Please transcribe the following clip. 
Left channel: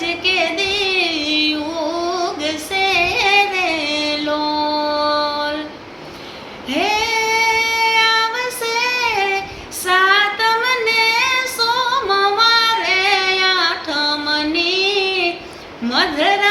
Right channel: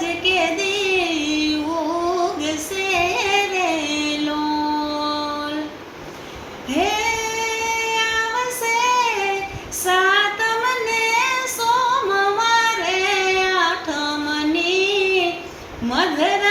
જ કે દી ઉગશે રે લોલ. હે આવશે સાતમ ને સોમવારે આઠમની મધર